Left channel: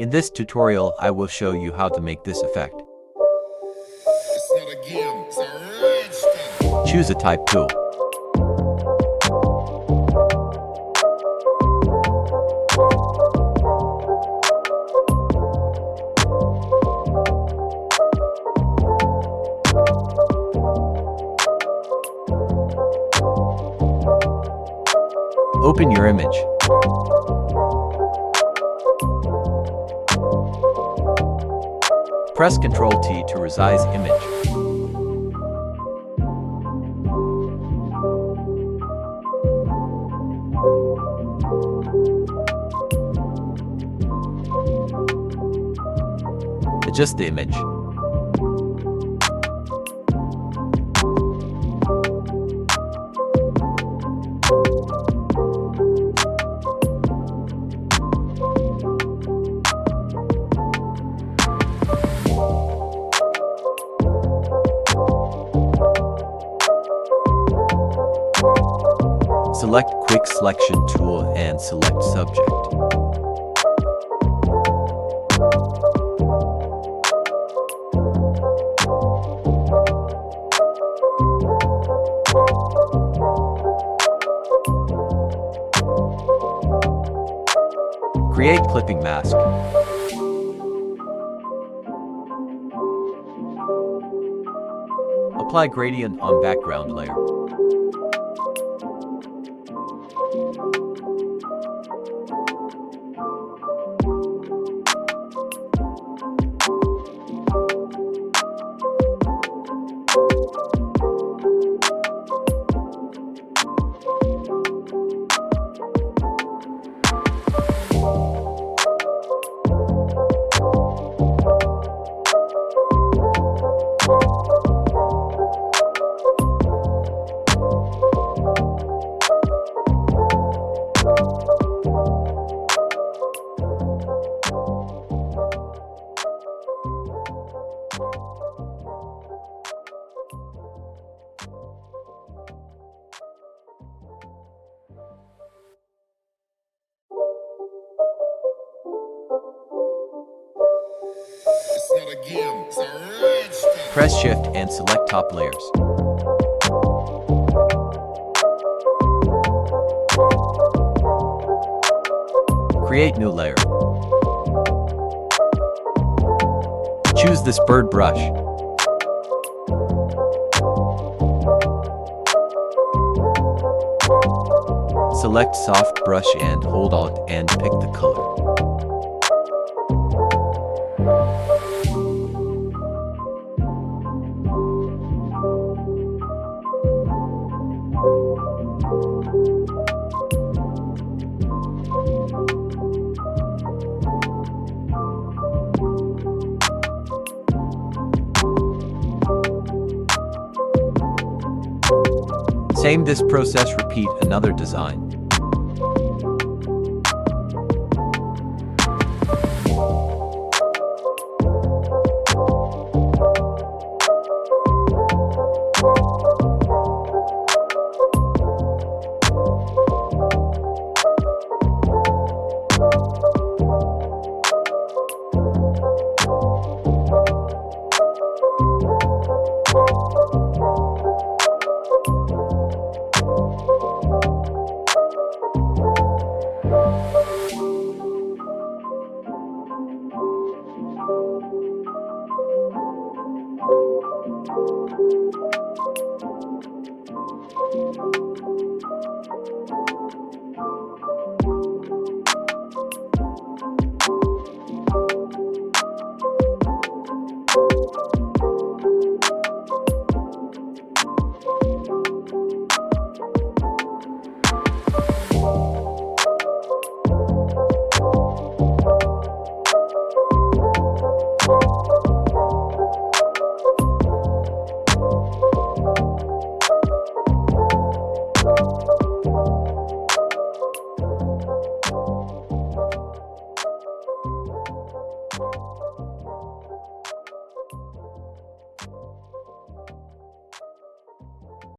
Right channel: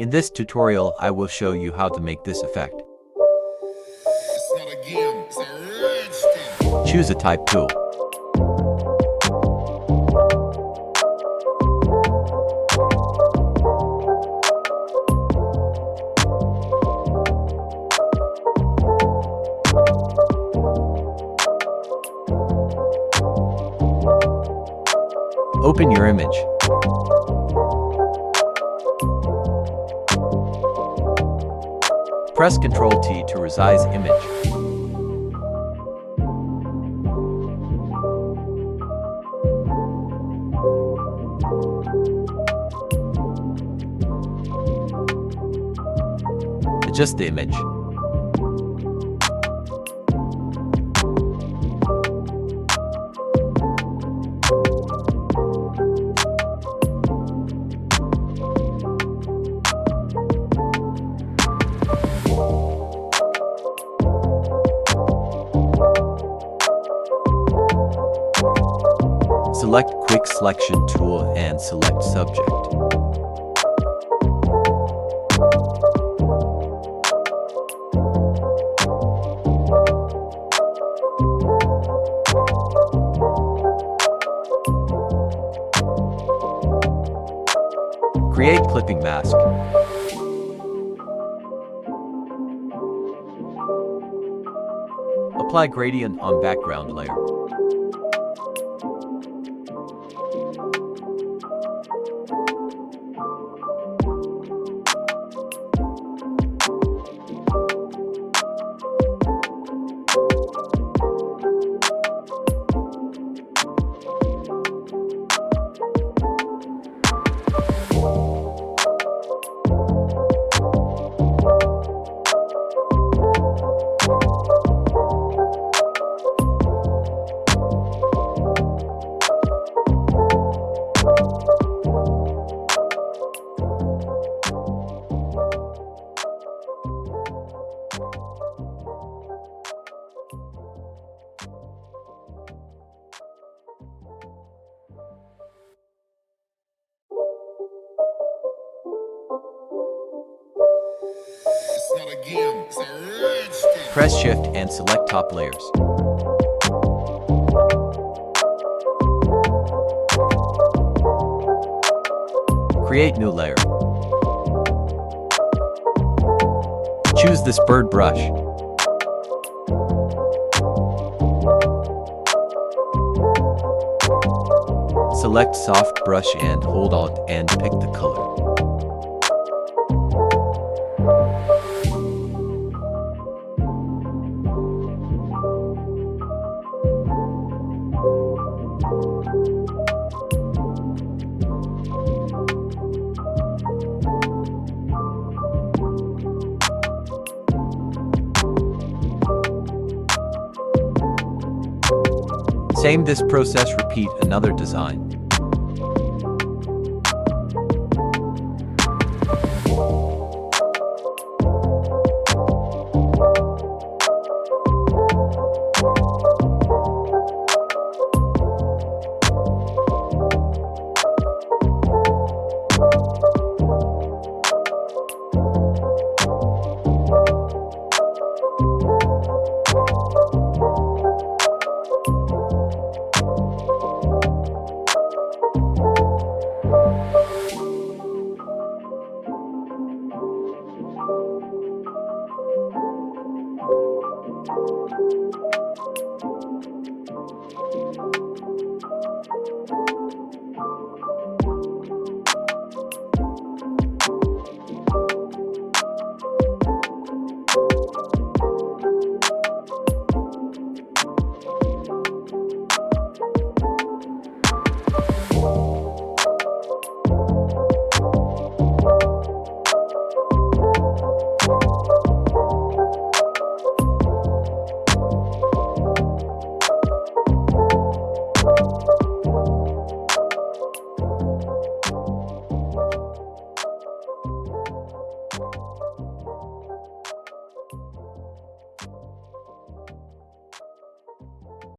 In this tutorial, I will show you how to make this effect. It's not a game, it's a raster. Choose a type tool. Open your image. Press Ctrl T to resize image. Adjust the image. Select Quick Selection tool and select Subject. Create clipping mask. Apply gradient on background layer. It's not a game, it's a raster. Press Shift and select top layers. Create new layer. Choose this bird brush. Select soft brush and hold Alt and pick the color. Same this process, repeat another design.